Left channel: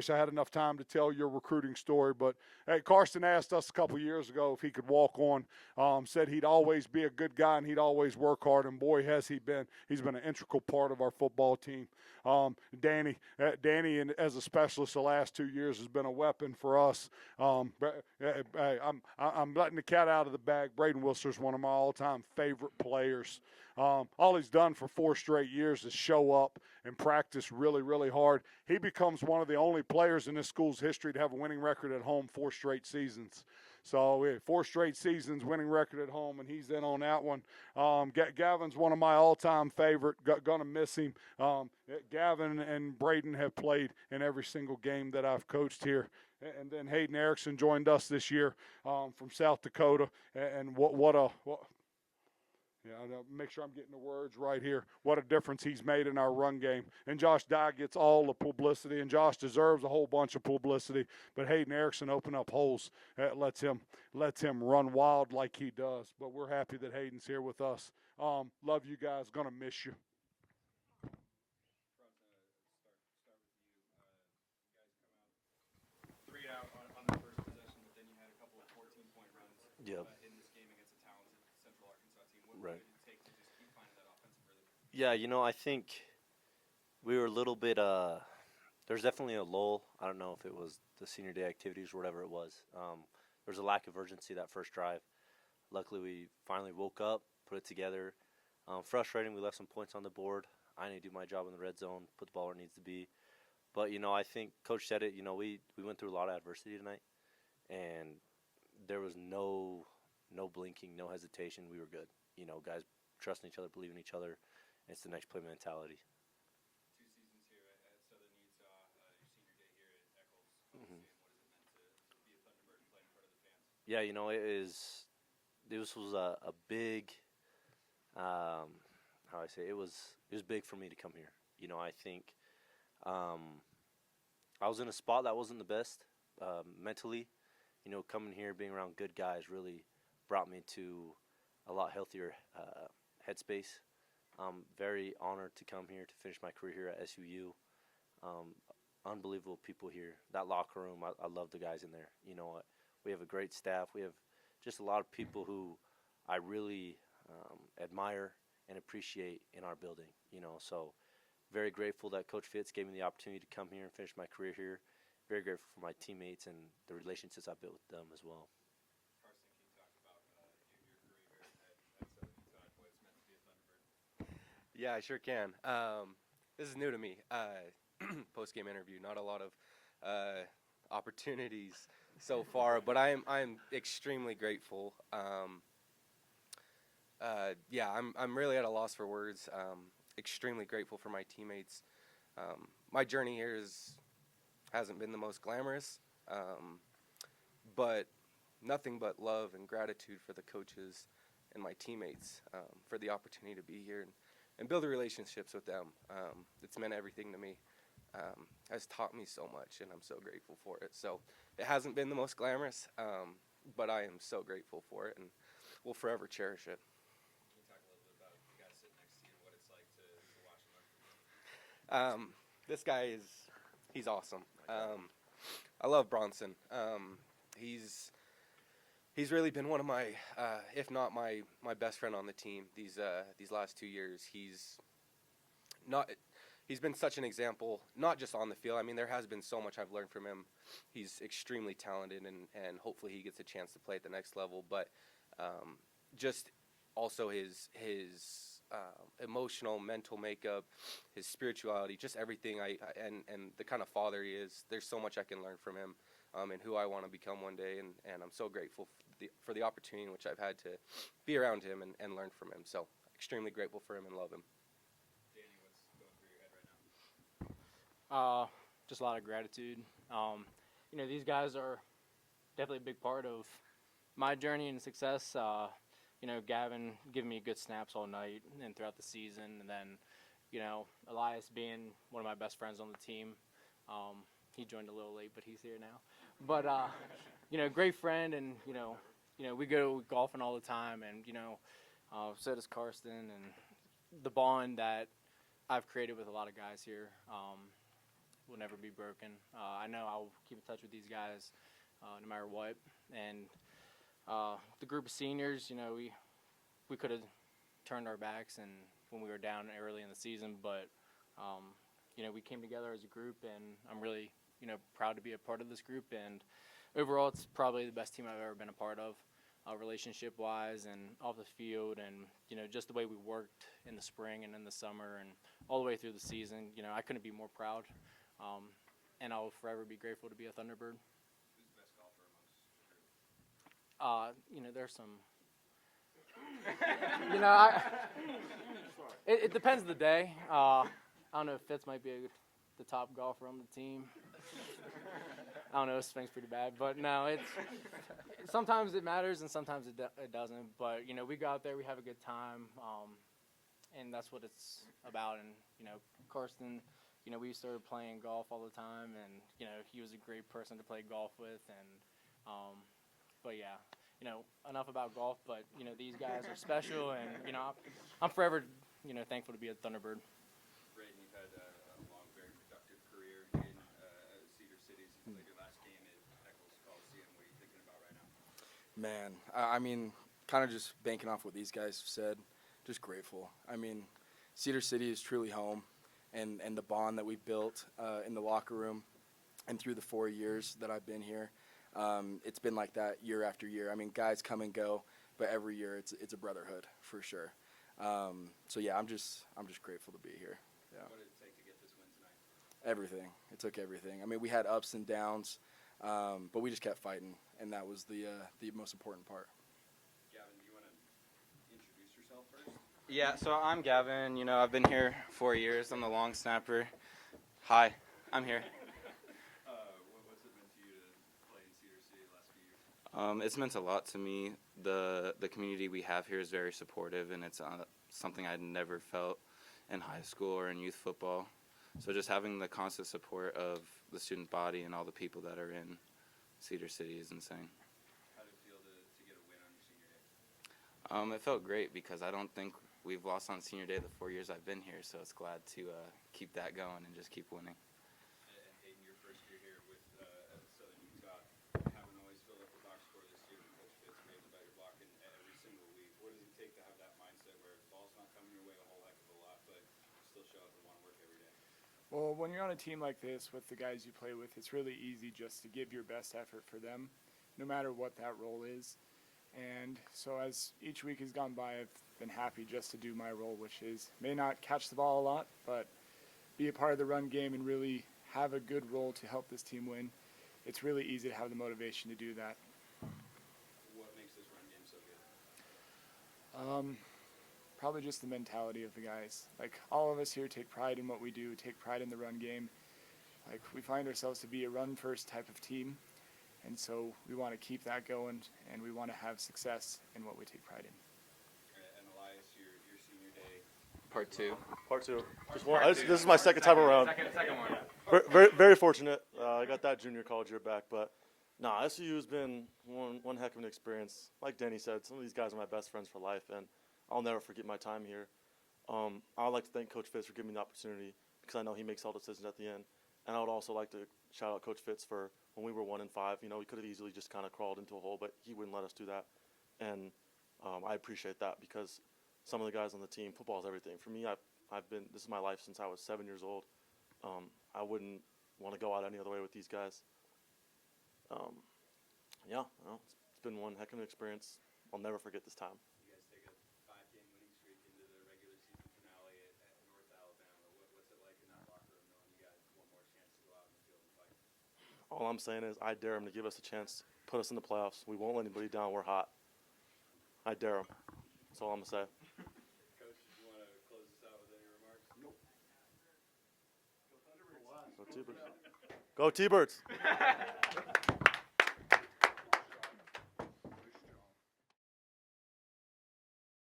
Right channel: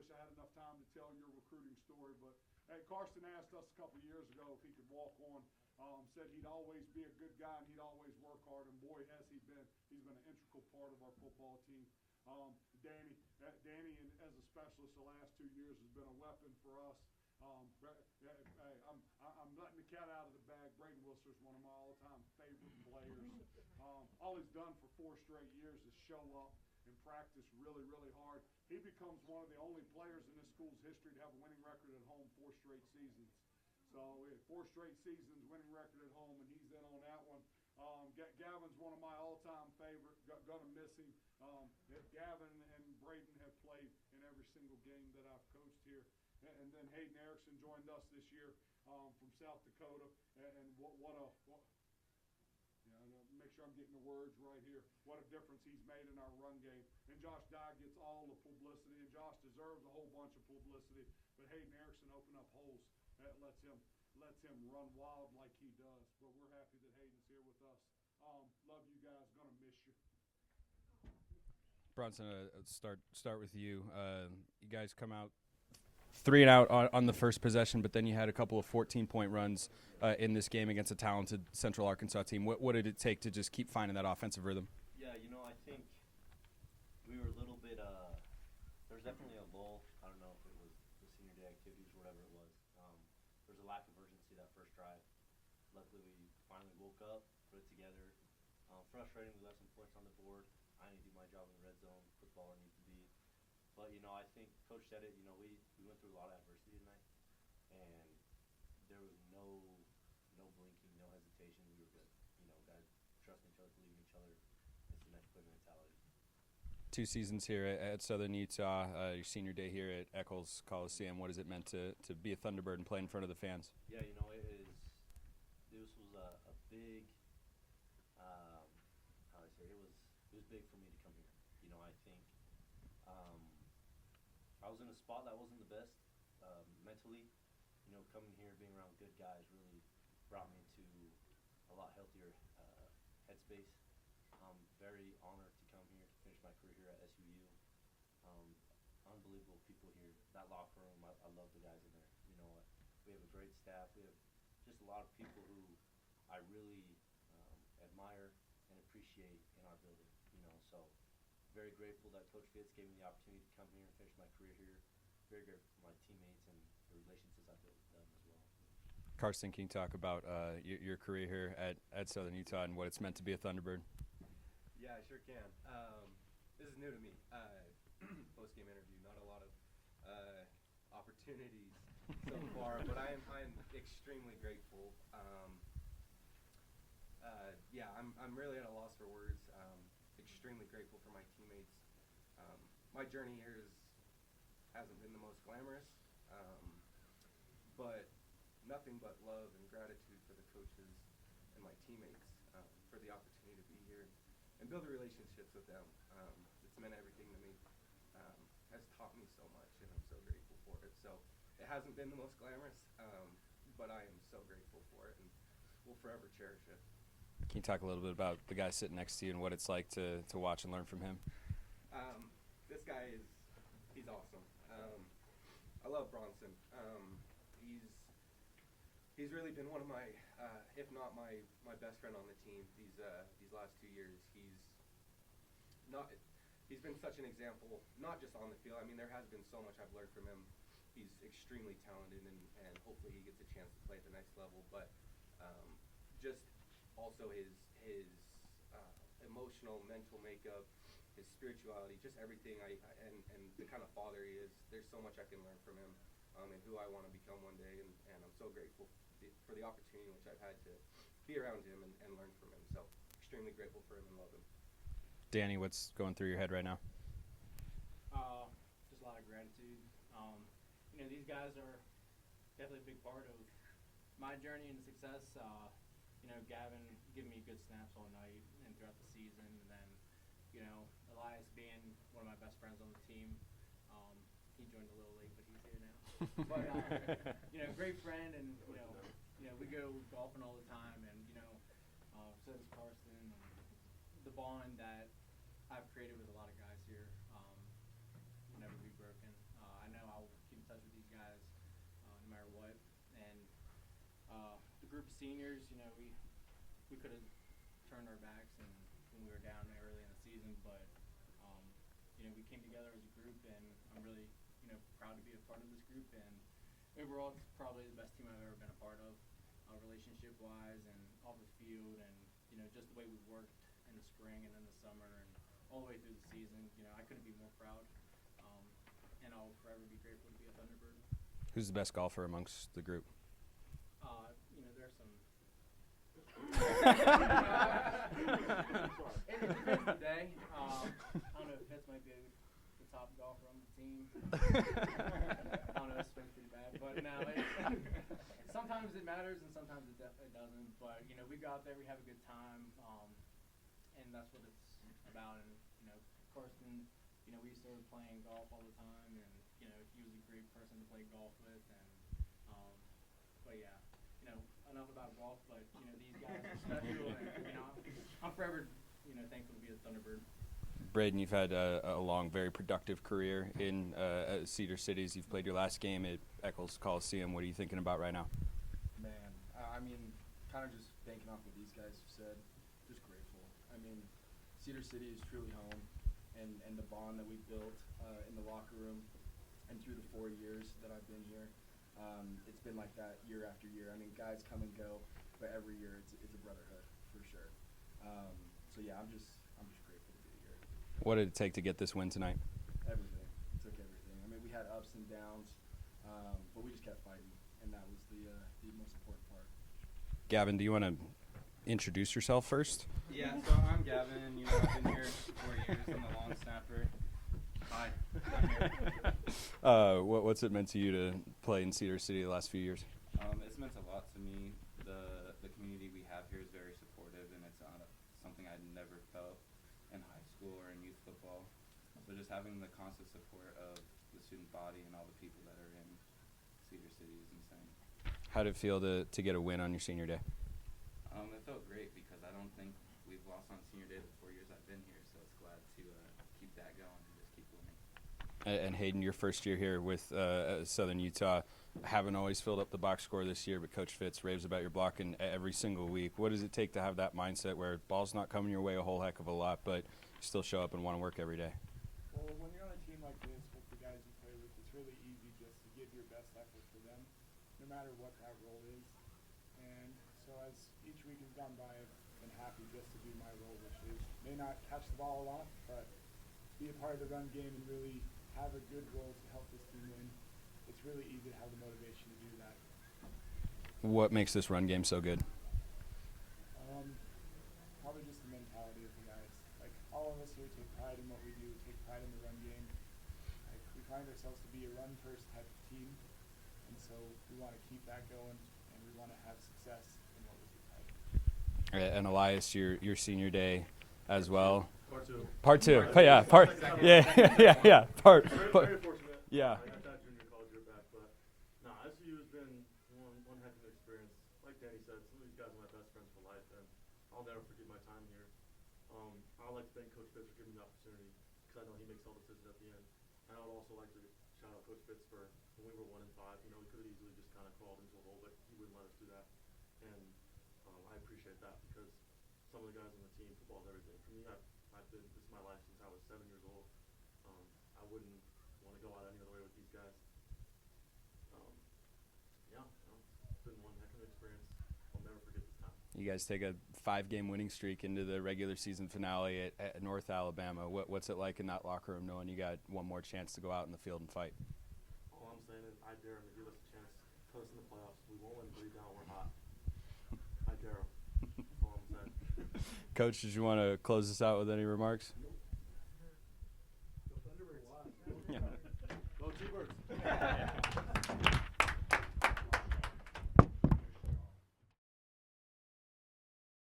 wish I had enough time to tell your recruiting story, but hey, Carson asked us a couple years ago if he could walk on. Said he'd always be a good guy and he'd always work hard, and boy, has he been. He's been an integral part of our football team. Danny, as a specialist, the last 2 years has been a weapon for us. I'm letting the cat out of the bag. Braden Whistler's one of my all-time favorite players. All he's done for 4 straight years is show up and practice really, really hard. He becomes one of the only players in this school's history to have a winning record at home 4 straight seasons. So 4 straight seasons, winning record at home, and he's in on that one. Gavin's one of my all-time favorite. Gonna miss him. Gavin and Braden have played in every single game that I've coached here. And then Hayden Erickson joined us this year from South Dakota. And make sure I'm getting the words right here. What a difference he's made in our run game. And Josh Dye gets all the publicity, and Josh deserves a whole bunch of publicity. But Hayden Erickson opened up holes. Lets him run wild like he does. But we're happy that Hayden's here with us. Love you guys. Gonna miss you. Bronson, start with you. You guys come out 3 and out on the first possession, but then you had a couple of 14-point runs in this game against a talented Central Arkansas team. What did it take to just keep finding that offensive rhythm? Yeah, I think we were a little bit there's definitely a lull. I don't know if it was the senior day activities or whatever it was. There was a lack of urgency that first drive. Luckily, we finally woke up, put it together. Frustrating, we left some points on the board. I need to do my job in the red zone, put the ball where it needs to be. But, I think Coach said it, we went through a lot of adversity tonight, and there was no blinking, no hesitation. We were good. Guys trusting each other, believing each other. It's the next play mentality. 2 seasons here at Southern Utah, your senior day here at Eccles Coliseum. What has it meant to be a Thunderbird and play in front of the fans? Yeah, this was a big, it was big for me to come here. I think I was in a spot that wasn't the best mentally. Coming here, being around good guys really brought me to a lot healthier headspace. I'm very honored to come here to finish my career here at SUU. Unbelievable people here. That locker room, I love the guys in there. We have a great staff. We have just a lot of people who I really admire and appreciate in our building. So very grateful that Coach Fitz gave me the opportunity to come here and finish my career here. Very grateful for my teammates and the relationships I built with them as well. Carson, can you talk about your career here at Southern Utah and what it's meant to be a Thunderbird? Yeah, I sure can. This is new to me. Post-game interview, not a lot of opportunities so far, but I am extremely grateful. I'm really at a loss for words. Extremely grateful for my teammates. My journey here hasn't been the most glamorous, but nothing but love and gratitude for the coaches and my teammates for the opportunity to be here and build relationships with them. It's meant everything to me. Has taught me so much, and I'm so grateful for it. So it hasn't been the most glamorous, but I am so grateful for it, and will forever cherish it. Can you talk a little bit about the guy sitting next to you and what it's like to watch and learn from him? This guy he's awesome. I love Bronson. He's really been one of my, if not my best friend on the team these last 2 years. He's been such an example, not just on the field. I mean, there has been so much I've learned from him. He's extremely talented, and hopefully he gets a chance to play at the next level. But just also his emotional, mental makeup, his spirituality, just everything. And the kind of father he is. There's so much I can learn from him, and who I want to become one day. And I'm so grateful for the opportunity in which I've had to be around him and learn from him. So extremely grateful for him and love him. Danny, what's going through your head right now? Just a lot of gratitude. These guys are definitely a big part of my journey and success. Gavin giving me good snaps all night and throughout the season. And then, Elias being one of my best friends on the team. He joined a little late, but he's here now. But, great friend. And, we go golfing all the time. And, so does Karsten. And the bond that I've created with a lot of guys here will never be broken. I know I'll keep in touch with these guys no matter what. And the group of seniors, we could have turned our backs and when we were down early in the season, but we came together as a group, and I'm really proud to be a part of this group. And overall, it's probably the best team I've ever been a part of, relationship-wise and off the field, and just the way we worked in the spring and in the summer and all the way through the season. I couldn't be more proud, and I'll forever be grateful to be a Thunderbird. Who's the best golfer amongst the group? There's some. It depends the day. I don't know if Fitz might be the top golfer on the team. I don't know, it swings pretty bad, but no, sometimes it matters and sometimes it doesn't. But we go out there, we have a good time, and that's what it's about. And Karsten, we started playing golf all the time, and he was a great person to play golf with. And but yeah. Enough about golf, but, these guys are special, and, I'm forever, thankful to be a Thunderbird. Braden, you've had a long, very productive career in Cedar Cities. You've played your last game at Eccles Coliseum. What are you thinking about right now? Man, I mean, kind of just banking off what these guys have said, just grateful. I mean, Cedar City is truly home, and the bond that we've built in the locker room and through the 4 years that I've been here, it's been like that year after year. I mean, guys come and go, but every year it's a brotherhood for sure. So yeah, I'm just grateful to be here. Yeah. What did it take to get this win tonight? Everything. It took everything. I mean, we had ups and downs, but we just kept fighting, and that was the most important part. Gavin, do you want to introduce yourself first? Yeah, so I'm Gavin. I've been here 4 years. I'm the long snapper. Hi, I'm here. What's it meant to you to play in Cedar City the last few years? It's meant a lot to me. The community we have here is very supportive, and it's something I'd never felt in high school or in youth football. So just having the constant support of the student body and all the people that are in Cedar City is insane. How did it feel to get a win on your senior day? It felt great because I don't think we've lost on senior day the 4 years I've been here, so it's glad to keep that going and just keep winning. And Hayden, your first year here with Southern Utah, haven't always filled up the box score this year, but Coach Fitz raves about your blocking every single week. What does it take to have that mindset where ball's not coming your way a whole heck of a lot, but you still show up and want to work every day? Well, when you're on a team like this with the guys you play with, it's really easy just to give your best effort for them, no matter what that role is. And so as each week has gone by, I've been happy just to do my role, which is may not catch the ball a lot, but be a part of the run game and really have a good role to help this team win. It's really easy to have the motivation to do that. What makes this run game so good? Probably just the mentality of the guys. Like, all of us here take pride in what we do, take pride in the run game. Like, we find ourselves to be a run-first type of team, and so we want to keep that going, and we want to have success in what we take pride in. And Elias, your senior day as Part well. Part 2. Part 2. This is my second time around. Yeah. Very fortunate. Yeah. I got that junior college year back, but SCU has been one heck of an experience. Like Danny said, some of these guys are my best friends for life, and I'll never forget my time here. I would like to thank Coach Fitz for giving me the opportunity because I know he makes all decisions at the end. And I would also like to shout out Coach Fitz for when we were 1-5. We could have easily just kind of crawled into a hole, but he wouldn't let us do that. And I appreciate that because some of the guys on the team, football is everything. For me, this is my life since I was 7 years old. I wouldn't want to go out any other way with these guys. It's been one heck of an experience. I'll never forget this time. You guys take a 5-game winning streak into the regular season finale at North Alabama. What's it like in that locker room knowing you got one more chance to go out in the field and fight? All I'm saying is I dare them to give us a chance, put us in the playoffs. We won't let anybody down. We're hot. I dare them. That's all I'm going to say. Coach, did you want to close this out with any remarks? Nope. Go T-Birds.